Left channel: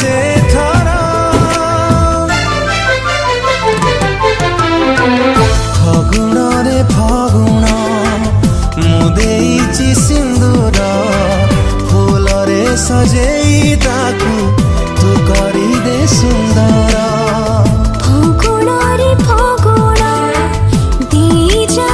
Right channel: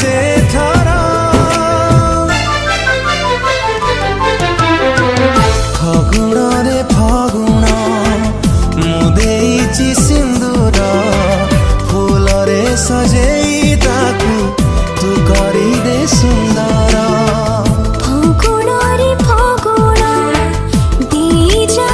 से थरा फागुण रे फागुण मुदेची सिंदूर फूल रे सजेई ताकू तू करी दे सुंदर फागुण रे फागुण दी जा